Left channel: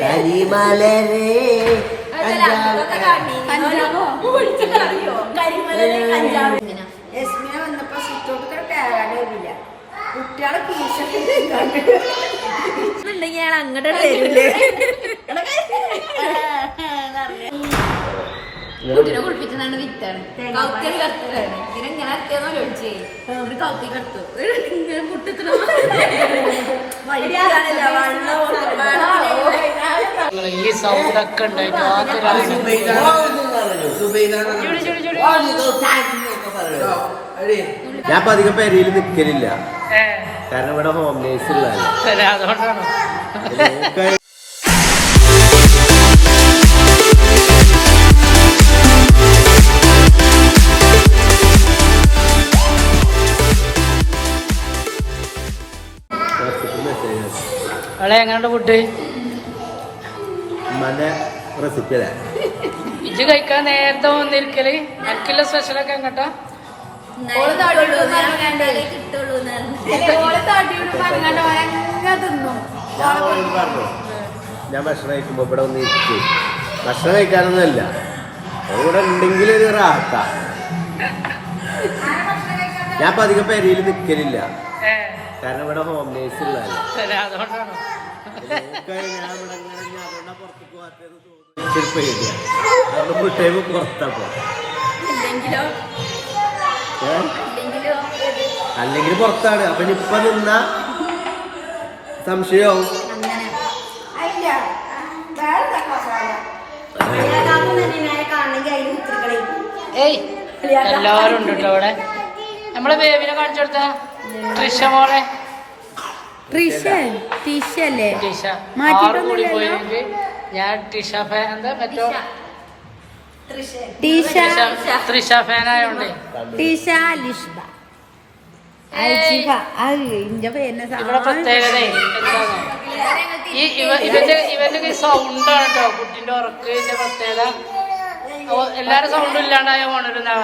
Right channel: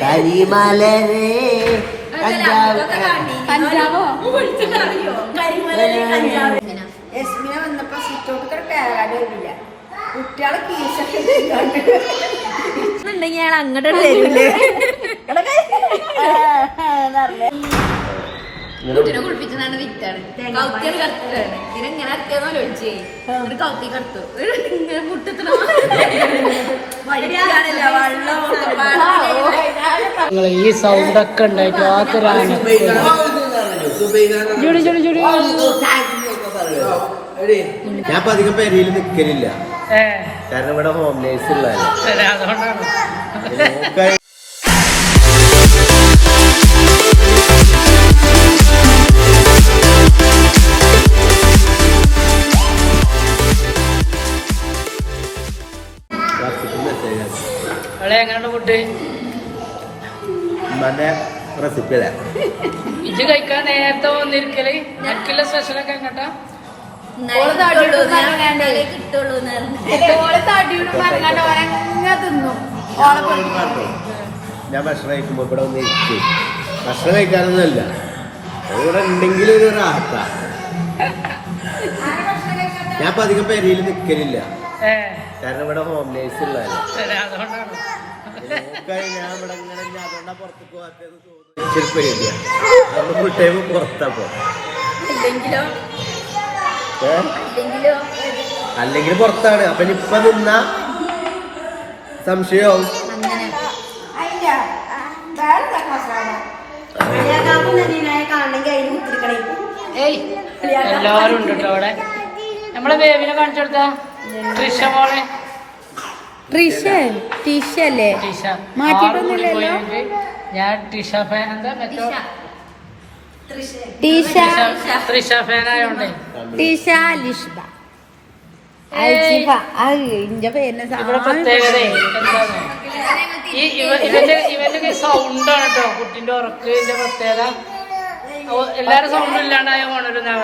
കരിമലരേ പഞ്ചാബോ യസ്മിന വന്നപ്പോ സിറ്റോട്ട് പേരാടി വരില്ല കുട്ടികളെ കീശുണ്ടെങ്കിൽ ഞാൻ അങ്ങോട്ട് തരൂലേ കുട്ടിനെ കുളിപ്പിച്ചതാണ് വിറ്റാണ് കൗത്തിയാണ് കറുത്തതാണ് ഇതിനെങ്ങനെ അത്യാന്നോ ചോദിച്ചേ ഒരു കൗത്തി കറുത്തു ഇങ്ങനെ മുട്ടത്തിന വെള്ളം ഈ സൗണ്ടൊക്കെ ഉണ്ടായിട്ട് ആക്കൊരാണ് ഞാൻ ഇപ്പൊ അധികം പെരയിൽ നിൽക്കലില്ല കാരണം ഇവിടെ ഹോം നേഴ്സ് ഉള്ളതല്ല അതുകൊണ്ടാണ് എങ്ങനെയുണ്ട് ഫുഡ് റെസിപ്പി അല്ലേ ഇത് കഴിക്കാൻ നേരത്തെ വന്നിരിക്കല് ഞങ്ങൾക്കുള്ള സ്പെഷ്യലൊക്കെ എങ്ങോട്ടാ ഞാൻ ഭക്ഷണം കഴിക്കുമ്പോ ഇവിടെ ഒന്ന് ഇരിക്കും ഭക്ഷണം കഴിക്കാനൊന്നുമല്ല ഇവിടെ ഉണ്ടെങ്കിൽ ഒരു റാത്ത ഞാൻ ഇപ്പൊ അധികം പെരയിൽ നിൽക്കലില്ല കാരണം ഇവിടെ ഹോം നേഴ്സ് ഉള്ളതല്ല അതുകൊണ്ടാണ് ഞാൻ ഇവിടെ ഇങ്ങനെ അതുകൊണ്ടാ പുറത്തേക്ക് പോകാത്തത് തോന്നുന്നു അവിടെ ഫുൾ ടൈം പുറത്തപ്പോ അല്ലെങ്കിൽ പുറത്താണ് അപ്പൊ ഇപ്പൊ നിന്ന സംശയവും എല്ലാരും ഉണ്ട് കേട്ടോ അവിടെ നമ്മളെ ബേബിനെ കാണിച്ചു കൊടുത്ത ട്രിഷ മോളെ ടീഷല്ലേ മാറ്റിട്ടൊന്നുമില്ലല്ലോ ഞാൻ ടിഷ ഫാൻ എന്താ മറ്റോ ടീഷ ഫാനായോണ്ടേ ടീഷ ലിഷ്ബ ഇന്റെ പേരിന് ഇവിടെ പ്രത്യേകത എന്താണോ ഇവന്റെ സൗണ്ടാണ് കേട്ടോ കുട്ടിന്റെ ഉറക്കിന്റെ പ്രത്യേകത എല്ലാരും സൗണ്ടും ഇല്ലാണ്ടായ പോണെന്നാ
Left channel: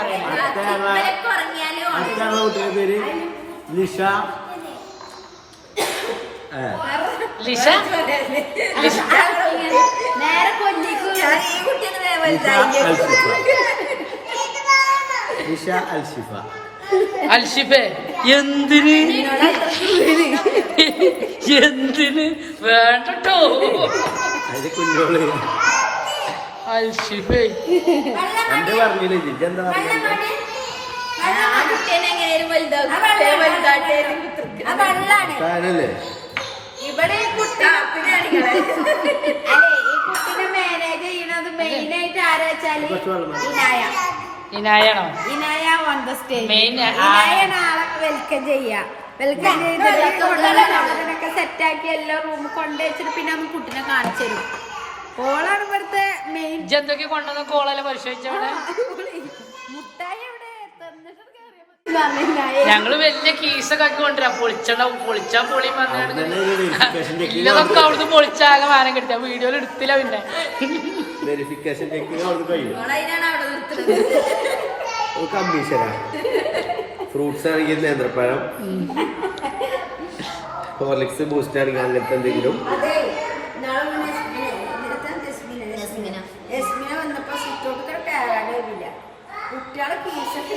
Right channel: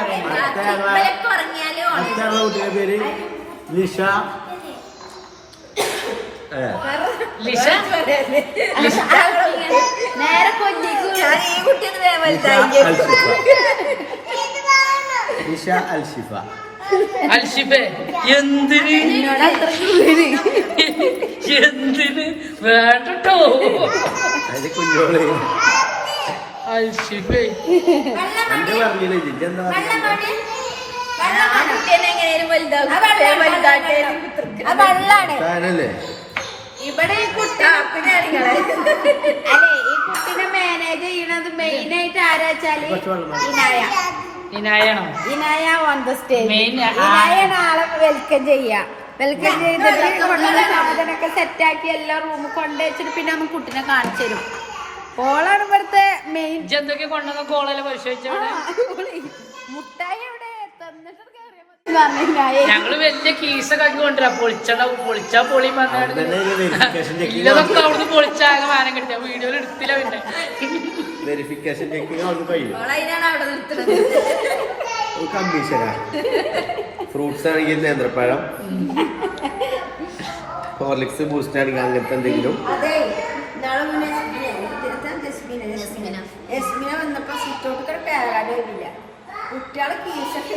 കുട്ടിയുടെ പേര് ലിഷ ലിഷ അൽഷിഫ അൽഷിഫെ എന്തിന് വേണ്ടോ അതിന് കുഞ്ഞോള് അൽഷിഫെ എന്റെ പറഞ്ഞില്ലേ ജിജെന്താ പറഞ്ഞല്ലേ ഇവിടെ മാനേജ് ചെയ്യുന്നത് മെയിൻ ആയിട്ട് ആരാച്ചാല് ഇനായാണോ ഇനായ ഓൺ ദ സ്റ്റേജ് മെയിൻ ആളെ വെൽക്കം വെൽക്കം ചെയ്തിട്ട് കൊണ്ടുള്ള സാധനമൊക്കെ സെറ്റാക്കി എല്ലാ റൂമിൽ കൊണ്ടുവച്ചിട്ട് പിന്നെ നമുക്ക് കുട്ടിനെ കാണിച്ചു തരും ഓളാണ് ഇവിടുത്തെ മെയിൻ എന്തൊക്കെ കൊണ്ടുവന്ന കോളെല്ലാം പരിശോധിച്ചവിടെ മുട്ടായി അവിടെ തന്നിട്ട് ഞങ്ങള് വലിയ കീസൊക്കെ ആക്കി കൊണ്ടുവരാ പൊളിച്ചാ പൊളി വന്നാണ് ഇല്ലതൊക്കെ അവിടുന്ന് പൊളിച്ചാകെ വാനം കിട്ടിയ വീഡിയോയിൽ എടുത്തില്ല പിന്നെ വെരിഫിക്കേഷൻ കമ്മീഷനാ ഫ്രൂട്ട്സ് ആണെങ്കിൽ നേന്ത്രപ്പഴം ഹോർലിക്സ് ബൂസ്റ്റ് ആണെങ്കിൽ അങ്ങനത്തെ എന്തെങ്കിലും യസ്മിന വന്നപ്പോ സിറ്റോട്ട് പേരാടി വരില്ല കുട്ടികളെ കീശൊക്കെ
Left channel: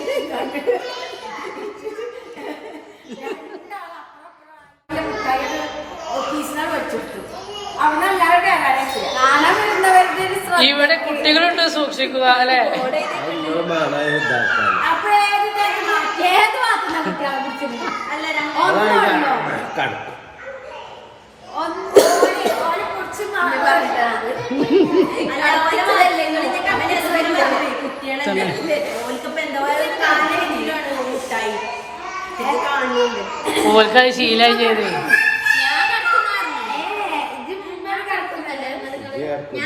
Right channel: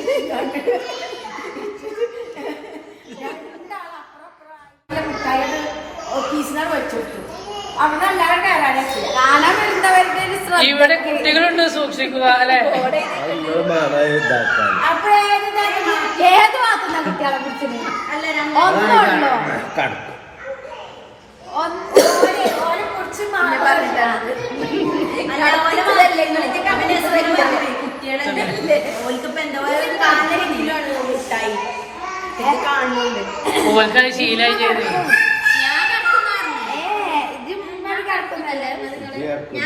കീസിനാണ് വെച്ചുകൊടുത്തു അവിടെ എല്ലാവരും പേരാടി ഇവിടെ കുട്ടികളുണ്ട് സൂക്ഷിക്കുക അല്ലെ ഏത് ഭാഗത്തുന്ന കുട്ടികളെ കുറിച്ച് ഓൽക്കായി ശീലായി കയറി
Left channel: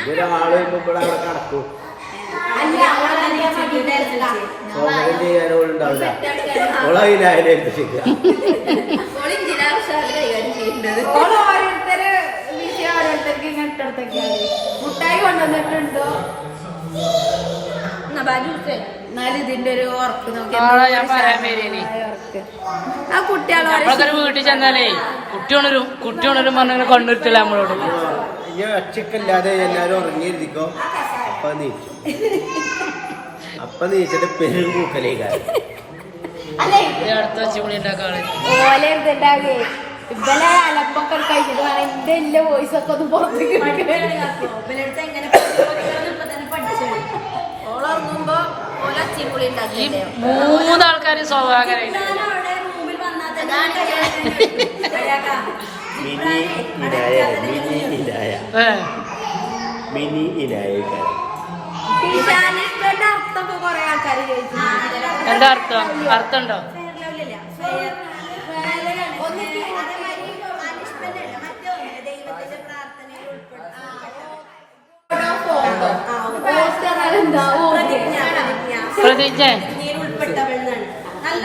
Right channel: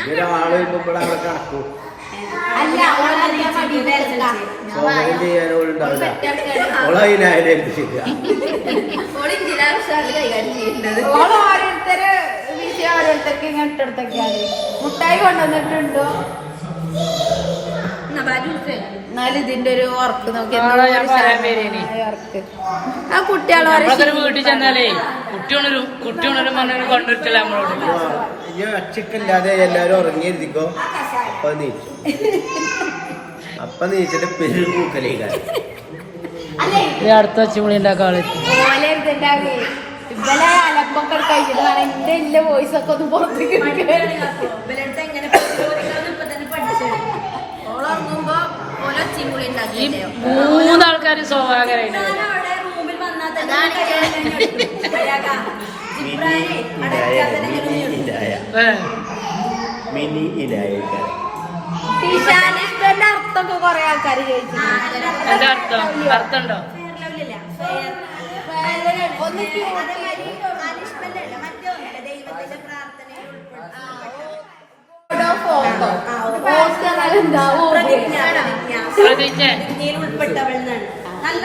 ഒരാള് ഇവിടെ അവിടെ കടക്കും സ്വാഗതം ചെയ്യാനോടുണ്ടാവില്ല ഓളതിനായാലും ഏൽപ്പിച്ചില്ല മുട്ടായി കൊണ്ടുവന്നിട്ടുണ്ടോ എന്നാലും ഇതിന്റെ ഒരു ഉറക്ക് നോക്കി ഞാൻ പറയാൻ പേര് ആ കുട്ടികളെ വീട്ടിൽ ചെന്നാലേ കുട്ടി ഉണരും വന്ന് കൊണ്ടിട്ടില്ല നമ്മളോട്. ഇനി ഒച്ചക്കില്ലാതെ എല്ലാരും ഉറങ്ങിയിരിക്കോ. അപ്പൊ നീച്ചിട്ട് പെരു പൂക്കലേക്കാണ്. ഈ അടുത്ത വെച്ചുമണി ഉണ്ടാക്കാള് ഇവലെ അലമ്പൊക്കെ കഴിച്ചിട്ട് വേണം എന്റെ ഇല്ല വോയിസ് ഒക്കെ ഒന്ന് പുറത്തേക്ക് ഓളോർങ്ങുമ്പോ ഓലൊച്ചിമുളി ഈ 3 ആൾക്കാര് സ്വാഭാവികരായിട്ട് മിനി ഇലായ അർത്ഥമൊക്കെ കൊറേ ആൾക്കാര് ചോദിച്ചു. അർത്ഥമുണ്ടോ?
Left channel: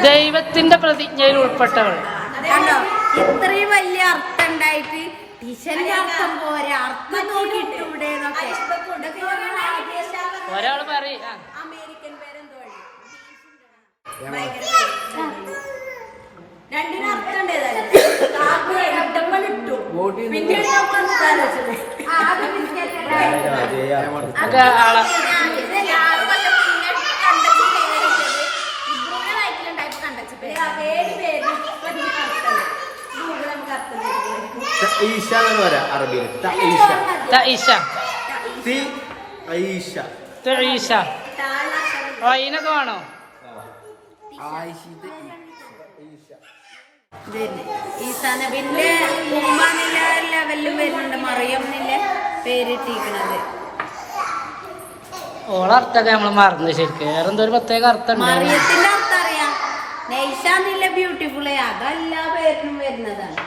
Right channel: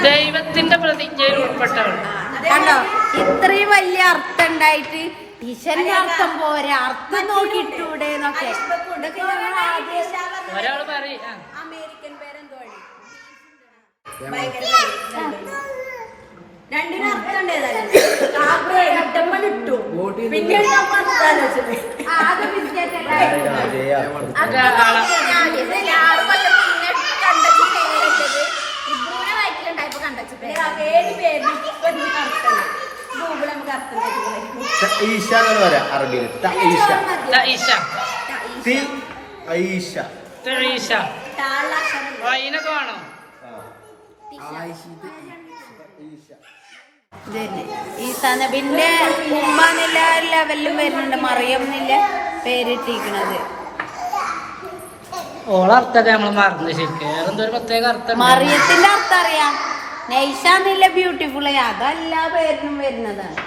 ദൈവത്തിന്റെ പ്രതിജ്ഞയിൽ ഉൾപ്പെട്ടവൾ. ഇത്രയും വലിയ അർത്ഥം ഉണ്ടായിട്ട് ടീച്ചറിന്റെ അർത്ഥം പോരെ, അർത്ഥം നോക്കിയിട്ടൂടെ എന്നൊക്കെ ഒരാള് പറയും. അമേരിക്കൻ പേരെന്തോ രണ്ടിനും അർത്ഥം ഇട്ടു. പിന്നീട് ഞാൻ ഈശ എന്ന് പറയാം അറബിയിൽ. അതിനൊക്കെ വേണോ? പിന്നെ ഉമ്മാന്നില്ല ലെവലിലും വരുന്നുണ്ട്. മറിയം എന്നില്ല പേരിട്ടിരിക്കണത്. ഓളർത്ഥമൊക്കെ നമ്മള് മറന്നു ശരിക്കും. വേറെ എന്തോ ഒരു പ്രത്യേക അർത്ഥം. മറിയത്തിന്റെ അർത്ഥം അറിയാം. നൈഷാന്നില്ല ബ്യൂട്ടിഫുൾ. അതല്ല പേരിനും വരുന്നതാണ്.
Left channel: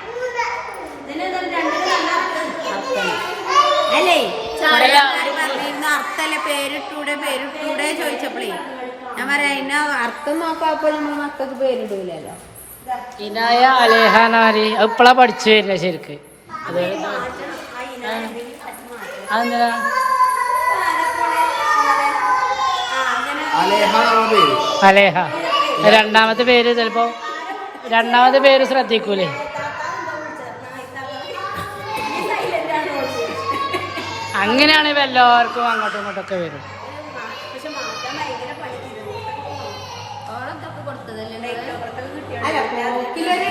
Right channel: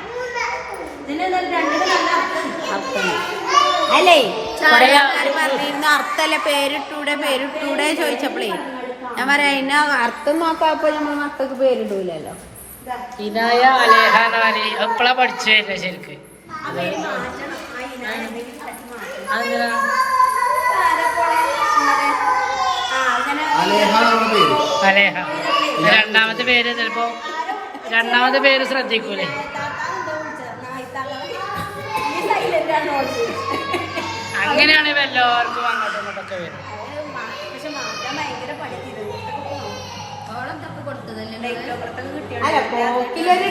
അല്ലേ കുറെ ആൾക്കാര് പറഞ്ഞിരുന്നു അർത്ഥല്ല പേരിട്ടൂടെ ചോദിച്ചപ്പോഴേ ഞാൻ പറയാ അതിന് അർത്ഥം നോക്കാപ്പോ നമ്മൾ മക്കൾക്ക് പേരിടൂലല്ലോ. ഇനായ അലേഹാനാരി എപ്പോഴാ പഠിച്ചു വരുന്നത് ശരിക്ക്? അലേഹ. രണ്ടാമത്തെ പേര് ചിലപ്പോ ശ്രദ്ധിക്കൂലേ? അങ്ങനെയാണെങ്കിൽ എല്ലാവർക്കും അങ്ങോട്ടും ഇങ്ങോട്ടൊക്കെ വരും.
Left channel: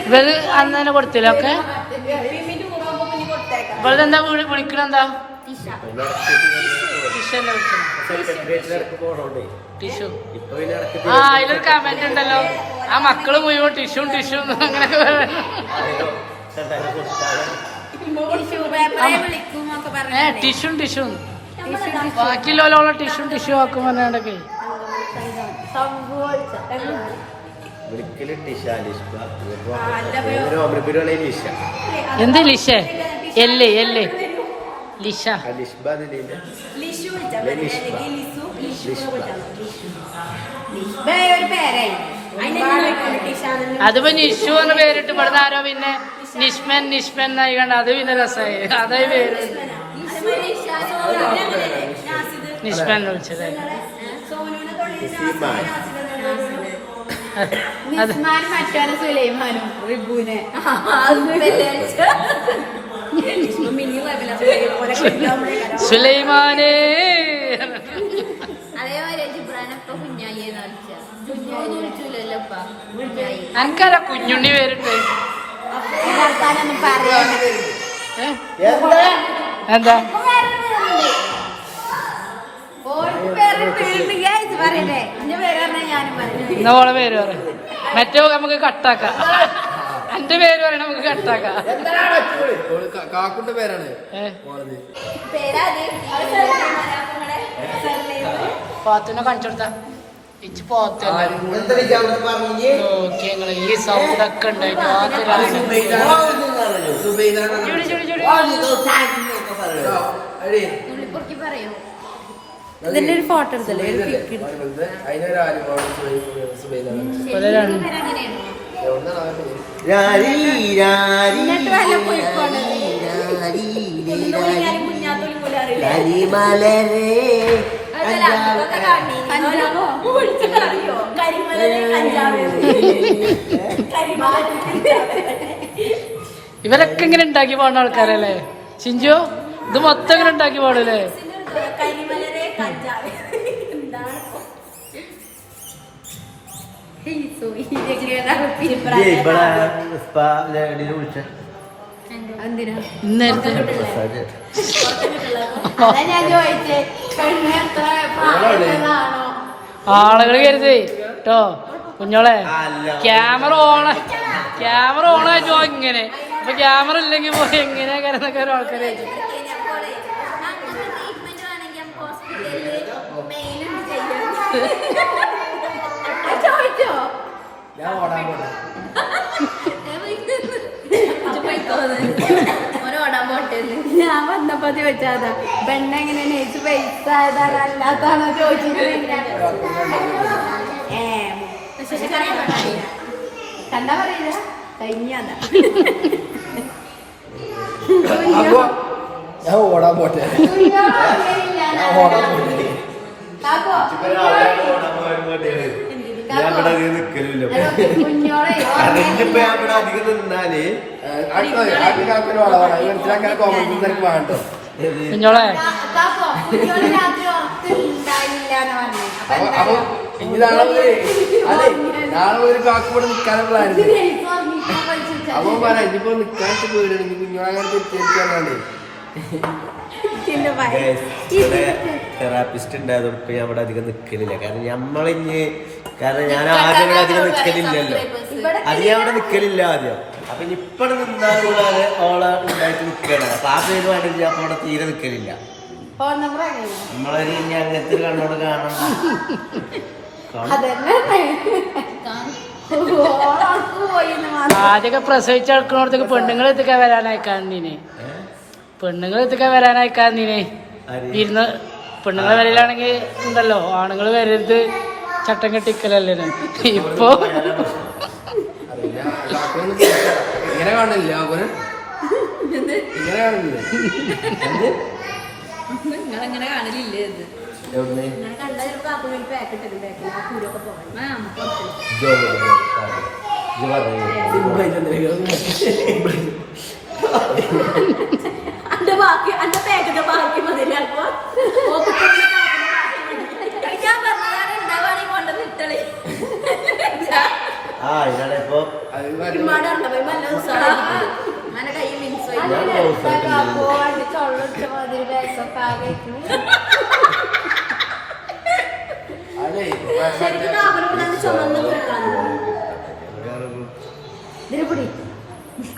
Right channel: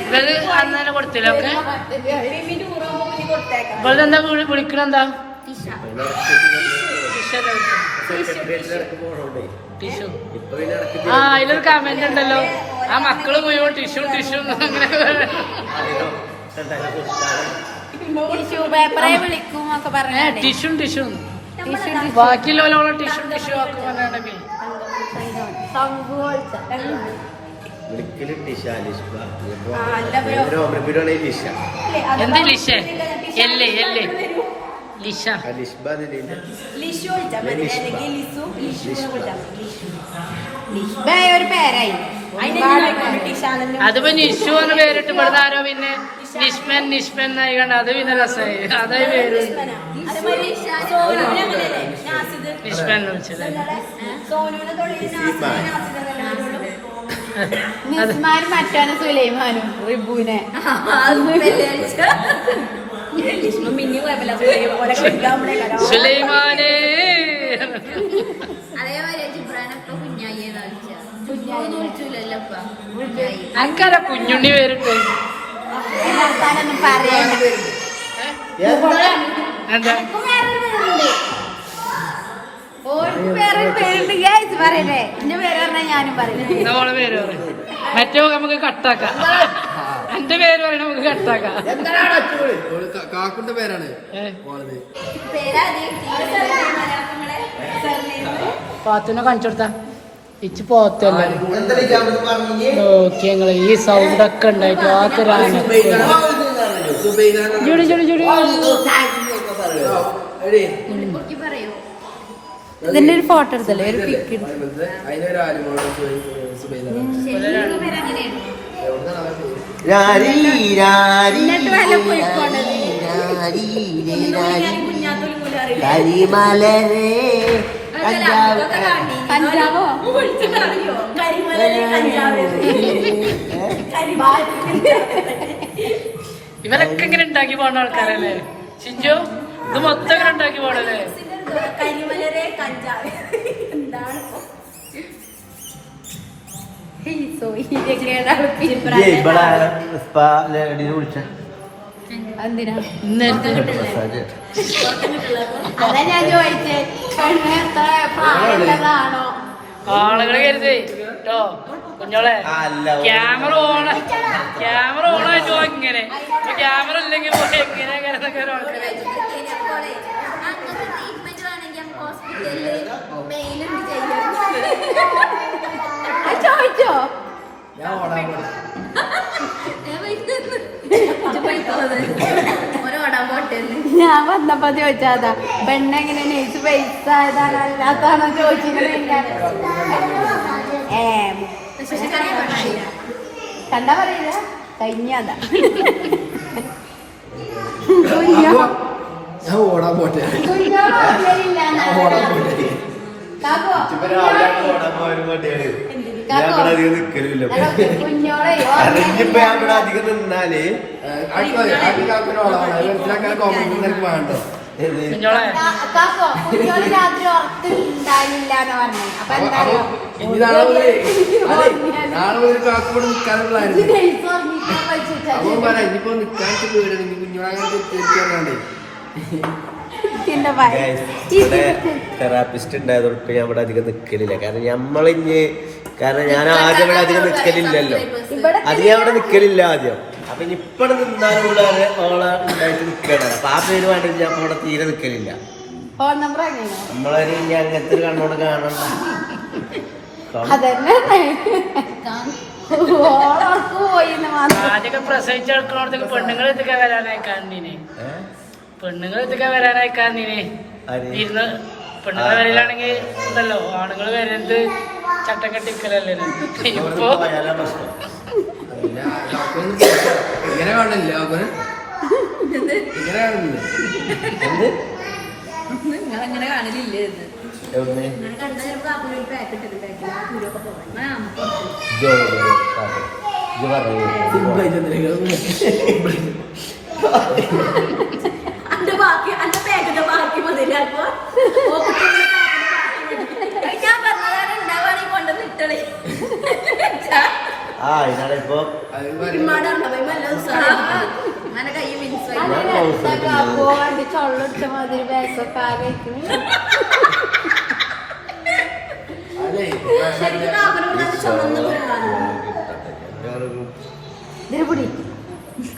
ഇത് അന്ന് തന്നെ കൊടുത്തില്ല ഒക്കെ. ഇവിടെ എന്താ വിളിക്കണെന്താ? ടിഷ്യൂ. ആ അതിലൊരു കമന്റ് ഉണ്ടല്ലോ, ആ മക്കള് മുഴുവൻ ടിഷ്യൂ അങ്ങനെ ടിഷ്യൂ ബാക്കിയുള്ളവരോളം ടിഷ്യൂ ആക്കുമ്പോ എന്ത് ലിഷ? എല്ല് ലിഷ. അതിപ്പോ നിഷു എന്ന് പേരിട്ട് ഇവിടുന്ന് ആരോ പിന്നെ നിഷ്മൻ എന്നായിക്കണ്ട. അത് പിന്നെ രസമായി. അതായി പേര് നിഷ്മൻ വിളിച്ചത്. മറ്റാണ് സുലൈമാനും റിബുനെ. സുലൈമാനേ. അനക്കാരാ കുഞ്ഞുണ്ണി പേരിട്ട്? വർത്താനൊന്നും പറയണ്ട. എന്താ നമ്മളെ പേര് പറയും. മറ്റേ നമുക്ക് കട്ടാക്കാം. എന്റെ പേര് പറയണ നമുക്ക് കട്ടാക്കാം. കാക്കുന്റെ പേരാണ്. പാത്തുനെ കാണിച്ചു കൊടുത്താ ഇച്ച് പോത്തല്ല നോക്കി ഞങ്ങള് ഈ സൗണ്ടൊക്കെ ഉണ്ടായിട്ട് ആത്തരാണ്. ഇതിന്റെ ഒരു ഫോട്ടോ എടുത്തല്ലേ ഒരു പിക്ക്. പഞ്ചാബോ ഇവരൊക്കെ ഇങ്ങനെ ഉണ്ടാക്കി പോകേണ്ട ആൾക്കാരല്ലേ ചിഞ്ചു? ഇത് മൊത്തം ഇങ്ങനെ ഉണ്ടാക്കി പോകണല്ലേ? കരിമലരെ കഞ്ചാവ് എന്താണ് എന്തിനാ മസാജ് അതാ ഞാൻ ചോദിച്ചേ ആളുകൾ കരുതി കേട്ടോ കുഞ്ഞോളെ. ക്യാമറ ഓണാച്ചോ ഇങ്ങനെ. ഇപ്പൊ ക്യാമറ ഇല്ലെങ്കിൽ എങ്ങനെ എന്നൊക്കെ ഒരു ആൾക്കാരെ ചോദിച്ചോ? ഞാൻ വന്നപ്പോ ചോദിച്ചാ പെണ്ണ എങ്ങനെ നെയ്സ് പൈസ ആയതാണ് അല്ലാത്താണോ ചോദിച്ചിട്ട് കണ്ടാ പറയില്ല കഴിഞ്ഞതാ. ഞാൻ ഓടാൻ പോട്ടെ ഞാൻ ഇവിടെ അധികം നിക്കലില്ല. അറിഞ്ഞിപ്പോ ഞാൻ ഇവിടെ അധികം നിന്നാല് കുഞ്ഞോളെ രാത്രി ഉറക്കുണ്ടായില്ല എന്ന് പറഞ്ഞു. അപ്പൊ എന്താ അറിയോ തെറാപ്പിസ്റ്റ് ഉണ്ടായതുകൊണ്ട് ഞാൻ ഇവിടെ അധികം നിക്കലില്ല. കാരണം ഞാൻ ആദ്യം ഇവിടെ അധികം നിക്കലില്ലല്ലോ. അത് ഞാൻ ഇവിടെ നിക്കലില്ല ആദ്യം. അപ്പൊ ഇപ്പൊ നിന്നാലും ഓളെ ഉണ്ടായിട്ട് നിക്കണ. അപ്പൊ ആ പേര് വേണ്ടി ഞാൻ അപ്പൊ ഇവിടെ തീരെ നിക്കലില്ല. നമ്മളൊരു ഇനി അങ്ങനത്തെ ഒരു കണ്ണോട് കാണണ്ട. ആദ്യമൊക്കെ പ്രസവിച്ച് എടുക്കണോടത്തേക്ക് പെണ്ണുങ്ങൾ എത്തിക്കാൻ വരാനായിക്കാന്നിനെ. പെണ്ണുങ്ങൾ എത്തിക്കാൻ വരാനായിക്കാന്നിനെ ഇരുന്ന് പെണ്ണുങ്ങൾ വരലാണെങ്കിൽ ഉണ്ടല്ലോ ആണുങ്ങൾ വരരുത് ചട്ടം കെട്ടിക്കലല്ലേ. ഇപ്പൊ ഇങ്ങനെ കാണില്ല നിങ്ങളങ്ങനെ കാണലില്ലേ ഇത്? എവിടെ ആ ഇതിനാണിപ്പോ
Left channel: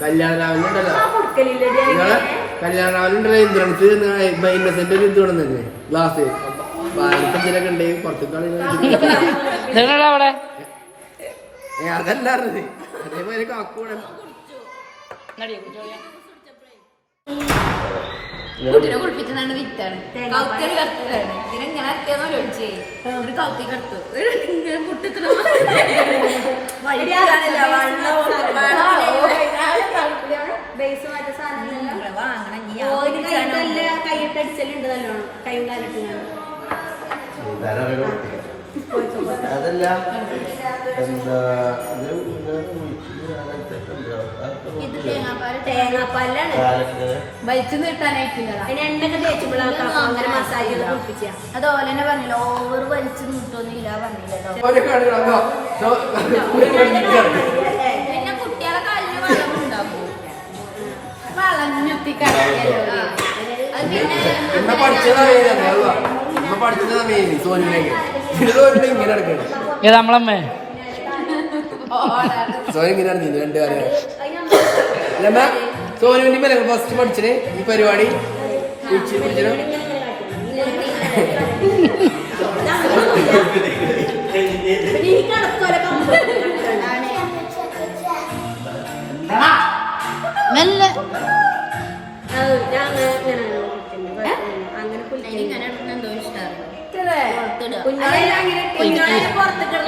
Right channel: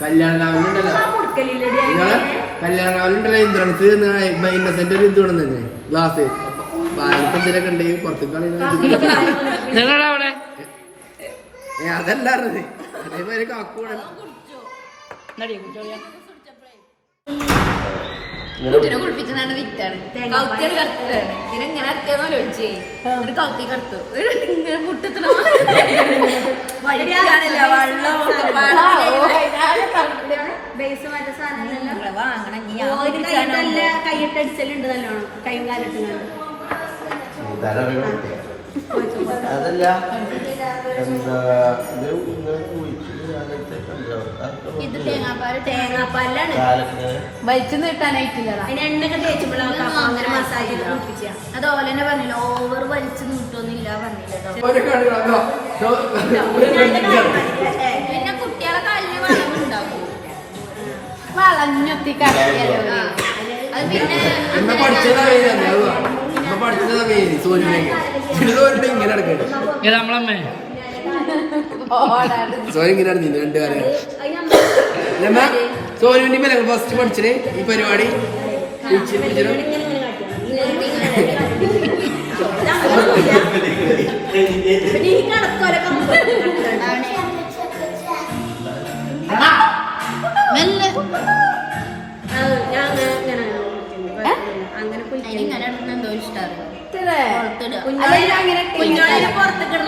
കല്യാണുണ്ടല്ലോ ഇന്ദ്രൻസ് ഇന്നസെന്റ് ഒരു ഇത് കൊണ്ടുവന്നെ ഗ്ലാസ് പാലത്തെന്തിനൊക്കെ ഉണ്ട് പുറത്തേക്ക് നിങ്ങളവിടെ അതല്ലായിരുന്നത് അതേപോലെ കാക്കൂടെ കുട്ടിനെ കുളിപ്പിക്കുന്നതാണ് വിറ്റാണ് കൗത്തിയാണ് കറുത്തതാണ് ഇതിനെങ്ങനെ അത്യാന്നോ ചോദിച്ചേ ഒരു കൗത്തി കറുത്തു ഇങ്ങനെ മുട്ടത്തിനോ വഴിയാണല്ല വെള്ളം വാങ്ങണം കൈയിട്ടടിച്ചലുണ്ട് നല്ലോണം കൈയും കാലിട്ടുന്നുണ്ട്. അതല്ല എന്താ വലിച്ചു നീട്ടാനായിട്ടില്ല. അതുപോലെ തന്നെ പറഞ്ഞില്ല ഓവർ വലിച്ചു നീട്ടൊന്നുമില്ല പറഞ്ഞില്ല. പിന്നെ കുട്ടികളെ കാലിന് വെള്ളം ഉണ്ടാക്കും വളഞ്ഞൊത്തിക്കറിയല്ലോ. അത് പിന്നെ നമ്മളമ്മേ സോനിങ്ങനെ രണ്ട് കാര്യം സോനി വേണ്ടി ഫസ്റ്റ് പഠിച്ചേ ഈ പരിപാടി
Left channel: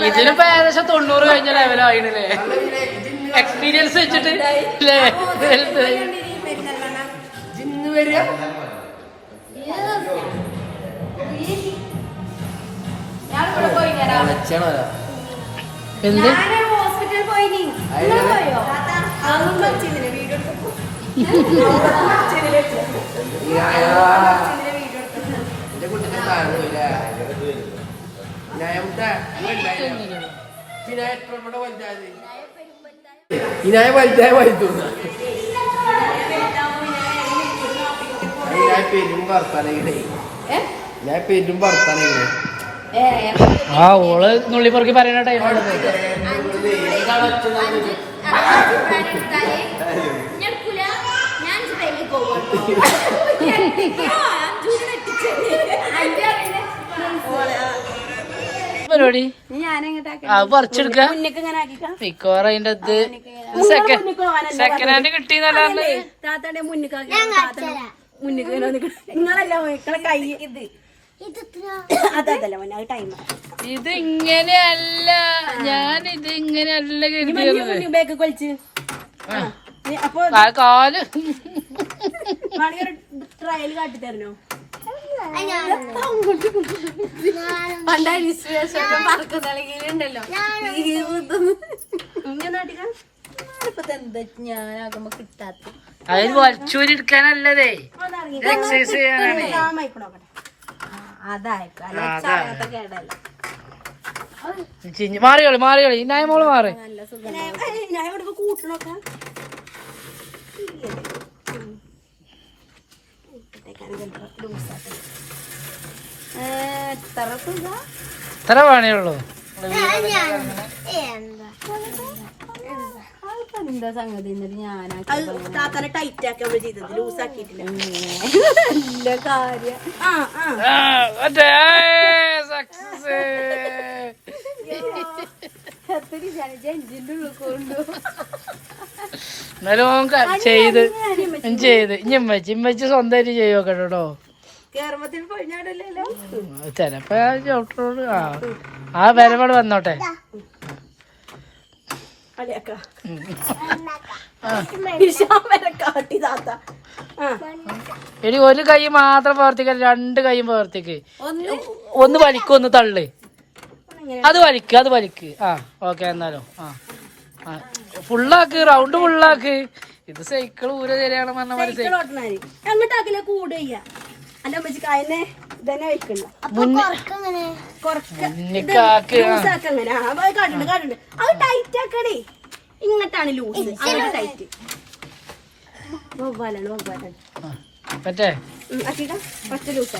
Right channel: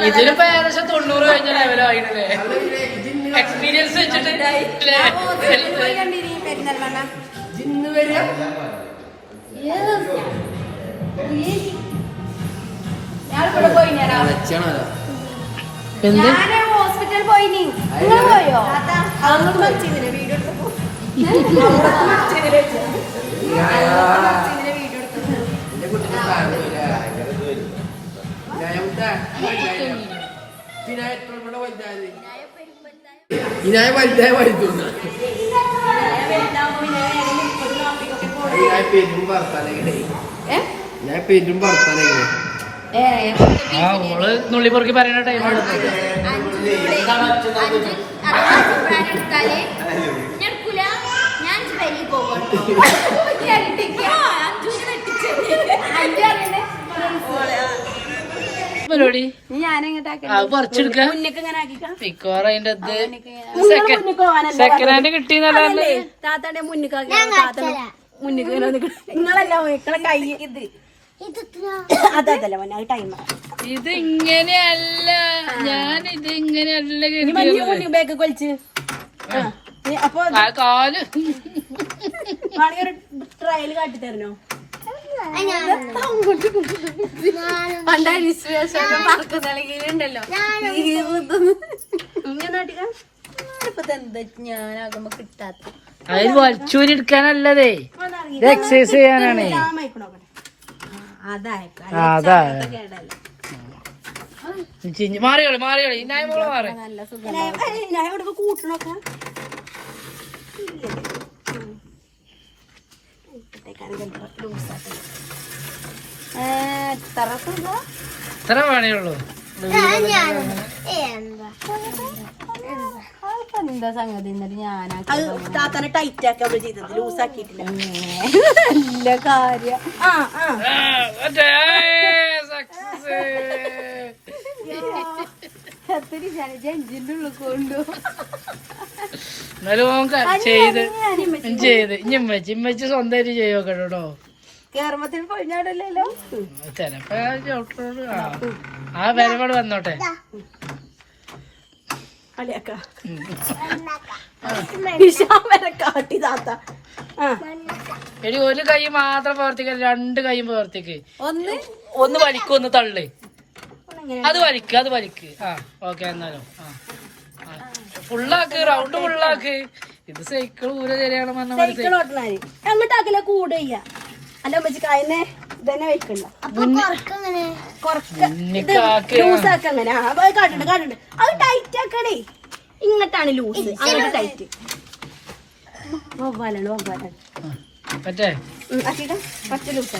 ഇതിനിപ്പോ ഏകദേശം 90 കഴിഞ്ഞ ലെവലായില്ലേ എക്സ്പീരിയൻസ് വെച്ചിട്ട് അല്ലേ? എന്ത് ഹോസ്പിറ്റലിൽ പോയിനി നിങ്ങൾ പോയോ? വീഡിയോ ഇനായ വലുതായ വലുതു ഞാൻ പെരും ഭർത്താനെ ആ ഓള് നുള്ളി പൊറുക്കി പറയുന്ന ടൈമല്ലേ പരിപാടി അത് പറിച്ചെടുക്കാം മിക്കവാറും അതിന്റെ സെക്കൻഡ് ഹാൻഡ് കിട്ടിയെന്നല്ലേ താത്താന്റെ മുന്നിൽ നിങ്ങളല്ല കൈ അതല്ല മോനെ അത് ടൈം ഇത് ഇങ്ങനെയല്ല ഞാൻ ഇത് ഇങ്ങനെയല്ല ബാഗ് കൊലിച്ച് അപ്പൊ കാല് ട്രയൽ കാട്ടി തരണോ ഞാനാകുമ്പോ കിട്ടാത്ത അതിൽ വലിച്ചൂരിഎടുക്കാനല്ലതേ ഇത് എക്സസൈസ് ചെയ്യാനാണ് അതാ മാറിയോളി ഇന്നായ മോള് മാറി കൂട്ടണൊക്കെ എത്ര വേണേയുള്ളൂ എന്താ സംഗതി താത്തനെ ടൈറ്റ് ആക്കി അവള് ചെയ്തത് ലൂസ് ആക്കിയിട്ടില്ല നല്ല കാര്യം എന്നാലും ചെയ്ത് ഇമ്മച്ചി സ്വന്തമായിട്ട് ചെയ്യോ കേട്ടോ കേരളത്തിൽ പൊഴിഞ്ഞാടല്ലോ ചെലപ്പോ ചവിട്ടോട് ആ വരവോട് വന്നോട്ടെ ഇനി ഒരു കൈ മാത്രം പ്രവർത്തിക്കാൻ രണ്ട് കൈയും പ്രവർത്തിക്ക് ഒന്ന് വലിക്കും ഒന്ന് തള്ളു അത് വലിക്ക് ആ ഓക്കെ എന്നാലോ ആ ഫുള്ളാക്ക് റൗണ്ട് ഫുള്ളാക്ക് ഇത് സൈക്കിൾ ഊര ശരിയാണ് പറഞ്ഞ എങ്ങോട്ടാക്കില്ല കൂടെ അല്ല അമ്മച്ചിക്ക് അതിനെ ഇതന്നെ വെക്കണ്ട അത് ടൈറ്റ് ആക്കണേ ഇങ്ങോട്ടാണ് ലൂസ് അങ്ങോട്ട് ടൈറ്റ് വവ്വാലാണ് പറ്റേ ലൂസ്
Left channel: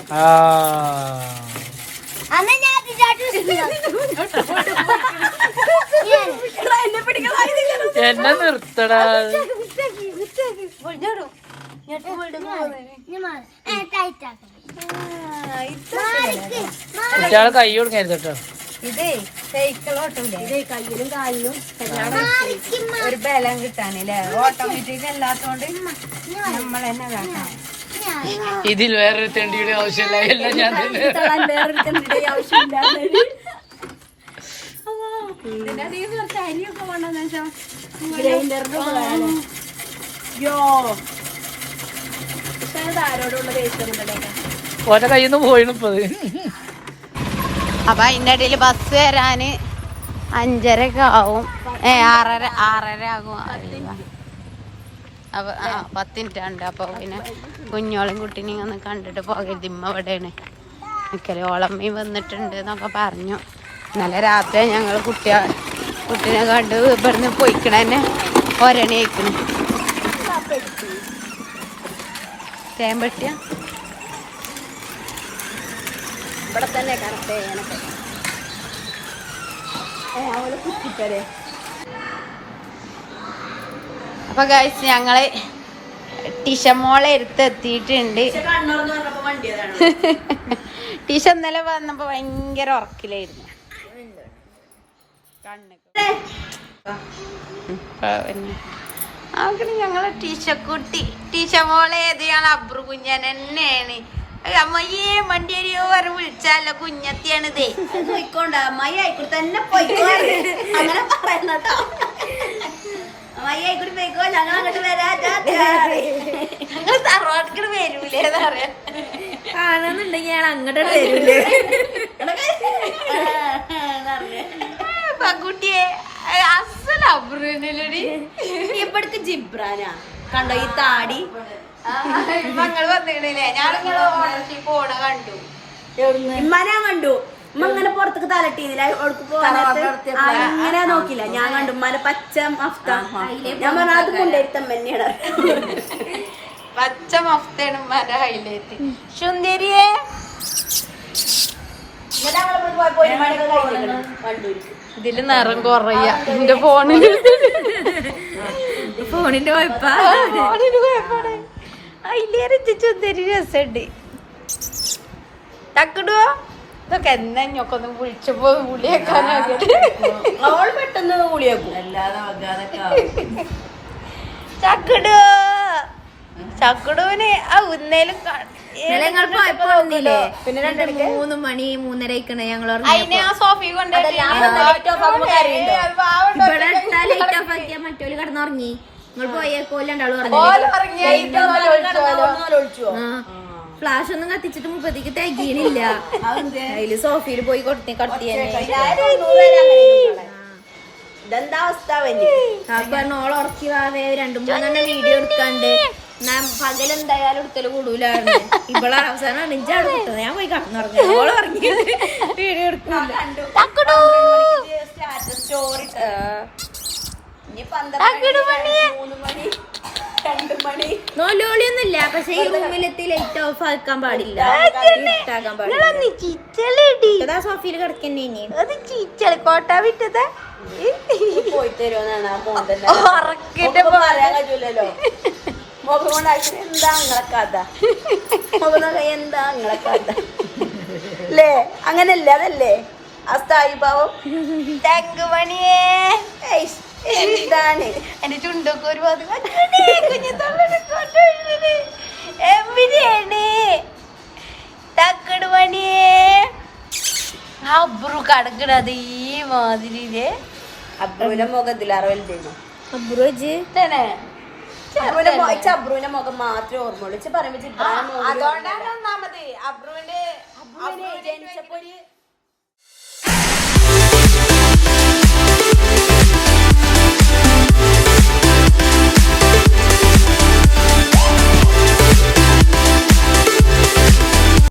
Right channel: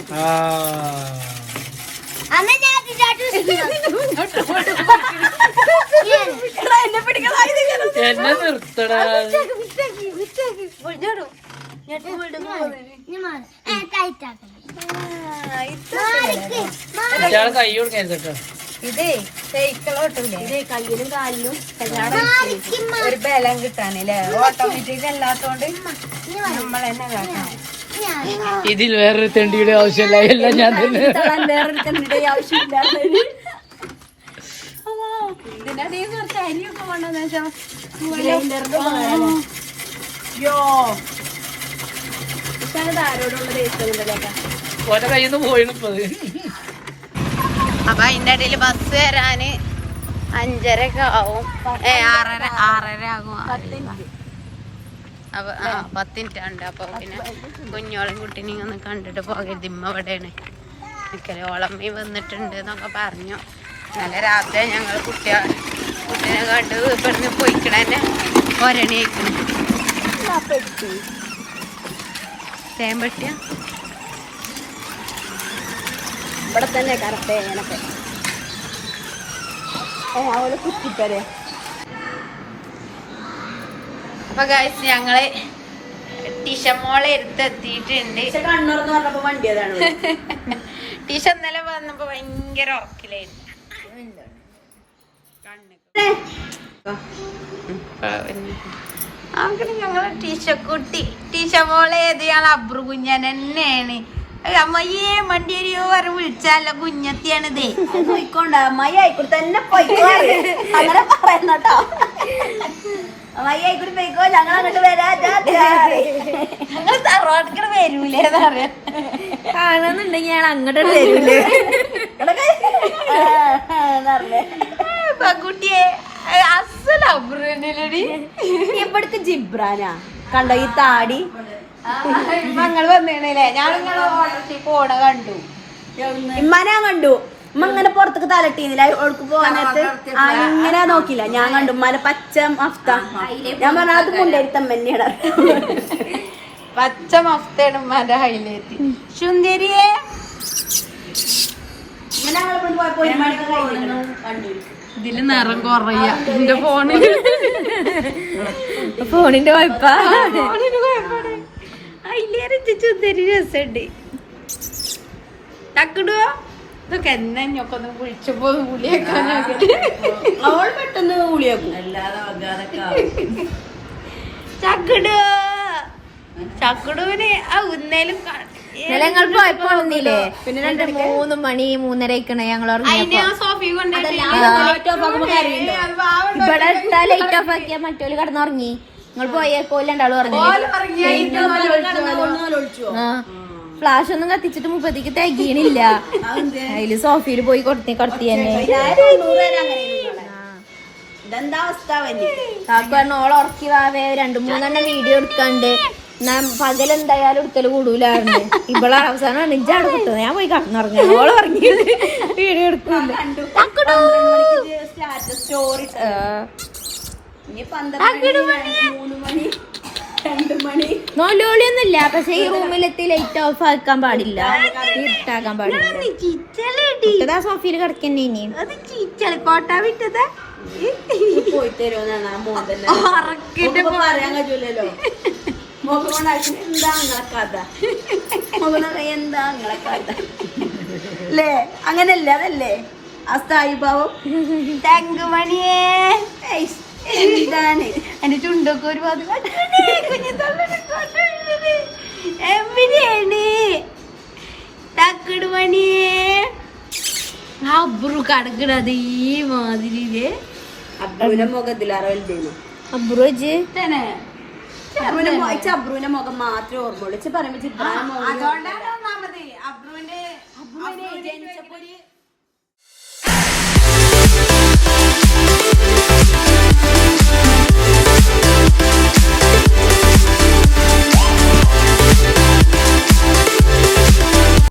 എന്നെ നിർത്തടാ കൈ കൊടുക്കരുതട്ടോ ഇതേ സൈക്കിളോട്ടൂലേ ഒരു ബലം കിട്ടാനല്ലേ ഓട്ടോമാറ്റിക് അല്ലാത്തോണ്ട് നമ്മൾ തന്നെ കാട്ടണം. ഇതിൽ വേറൊരു തെണ്ടിയുടെ ആവശ്യമില്ല എല്ലാം ഞാൻ തന്നെ ഓരോ കയ്യിൽ നിന്ന് പോയിപ്പത്. അപ്പൊ അതിന്റെ ഇടയിൽ ബസ് വരാന് 5:30 ആവും. 6:30 ആകും. അപ്പൊ 10 മിനിറ്റ് ഉണ്ട്. അപ്പൊ പിന്നെ കുഞ്ഞോളും കുട്ടീനെ ഇങ്ങനെ കണ്ടിട്ട് പോകരുത്. ഇമ്മ ഇവിടെയാണ് നിക്കല്. ഓളമ്മയും വന്നിട്ടുണ്ട് എന്നൊക്കെ പറഞ്ഞു. ഇന്നലെ രാത്രി ഞങ്ങൾ കുട്ടീനെ കണ്ട് ഇവിടുന്ന് പോയിക്കണന്നെ ഒരണേക്കണ് തേമ്പട്ടിയ അപ്പൊ ഗൈസ് ഞങ്ങള് ടിഷമോളെ എടുത്തെത്തിയിട്ടുണ്ട്. ടിഷ ഇന്നലെ വന്നപ്പോ ഭയങ്കര ഓക്കിലായിരുന്നു. ഞങ്ങള് ടീച്ചമോളെ ഏത് ഞങ്ങൾ അബ്രു കുഞ്ഞൻ തന്നെയാണ്. അമ്മയെ മണ്ടിയരിയോ വരെ വിളിച്ചാലോ കുഞ്ഞത്തിയാണിതേ. അമ്മായി ആയിക്കോട്ടെ തന്നെ പറയണട്ടോ. അമ്മായി ആയിക്കോട്ടെ പോയിക്കോ, ഞങ്ങൾ തറവാട്ടിക്കട് വരൂലേന്ന് പറയാ. കാണുന്നുണ്ടെങ്കിൽ ഞാൻ അങ്ങോട്ട് വരൂലേ പകുട്ടിയെ അസല അബ്രുടി. എവിടേക്ക് ജിബ്രാനാ കണ്ടോ ഈ താടി ഞങ്ങള് വന്നില്ലേ ഞാനിങ്ങള് ഓട്ടോറിക്ഷയിൽ പോണ കണ്ടു. ഇമ്മാനെ ഞാൻ കണ്ടു. ഉമ്മ ഇങ്ങനെ പുറത്തേക്ക് തലട്ടിന്നില്ല ഒഴുക്ക് പോകാനത്ത് അങ്ങനെ നോക്കില്ല. ഞാൻ കണ്ടു ഉമ്മാനെ പച്ച മഫ്ത. ഞാൻ പറഞ്ഞ അത് കൊണ്ടുവരുത്തം തന്നെയാണ്. പച്ച മഫ്തയാണ് ഉമ്മാന്റെ ഹൈലൈറ്റ്. സുന്ദരിയെ ഇതില് നിറം കുറയ എന്റെ ഫോണില്. ഫോണിന്റെ കുഴപ്പ സുന്ദരി രസമുണ്ട്. തക്കടോ ഇതൊക്കെ എന്നാ ഞൊക്കെ ഒന്ന് വിളിച്ചപ്പോ ഗുളിയേക്കാനായിട്ട് ചക്കടോ ചക്കടൂന് ആ ഉന്നേലും ഞങ്ങൾ പോയപ്പോ ഒന്നില്ലേ 3 മണി 3:30 ആയിക്കണേ ഞങ്ങൾ അതിനെ ആ സോഫി ഇവിടെ ഇട്ടാ ലൈറ്റ് ഓഫ് ആക്കിയാ മറ്റോല് കിടന്നുറങ്ങി. നിങ്ങൾ പോയേക്കോ രണ്ടാളും പറഞ്ഞു. ഫ്ലാഷ് ഒന്നും കത്തിച്ചിട്ട് മുപ്പത്തേക്ക് തികയണില്ല. അതില് സോഫിയിൽ പോയി കൊടത്തി തന്നെ ഓളെ ഉറക്കിയതാവേ 2-3 വീഡിയോ എടുക്കാണ്ട് പകലെന്തായാലും എടുക്കല് കൂടൂലായിരുന്നു. ഇവിടെ അവസാനം നെഞ്ചാട് കിട്ടുന്നത്. ഞാൻ പോയി കടന്നുറങ്ങി. ഓളെ ഉറങ്ങിയിട്ട് വീഡിയോ എടുക്കൂല. നോലോളിയൊന്നുമില്ല. പക്ഷെ ഈ റൂമിലെത്തി ലൈറ്റ് ഓഫ് ആക്കാൻ പാടില്ല, ഇട്ടാക്കാൻ പാടില്ല. സോഫിയിൽ കിടക്കന്നെ കോട്ടാ വിട്ടത് അല്ലേ? അങ്ങനല്ലേ? അതല്ലേ അസ്ഥായിഭാവം. തങ്കുമണിയേ എന്താണ് എന്റെ ചുണ്ടൊക്കെ ഒരു എവിടെയാണ് തക്കട് പണിയേ അബ്രു കടക്കണത് ഈ മാതിരിയില്. അബ്രുവിന്റെ മുഖത്തിലറിയുന്നു. അബ്രുജ് അബ്രുവിന്റെ മുഖം മാത്രമേ ഓർമ്മ അതുകൊണ്ടാണ് ഒന്നാമത് അബ്രുവിന്റെ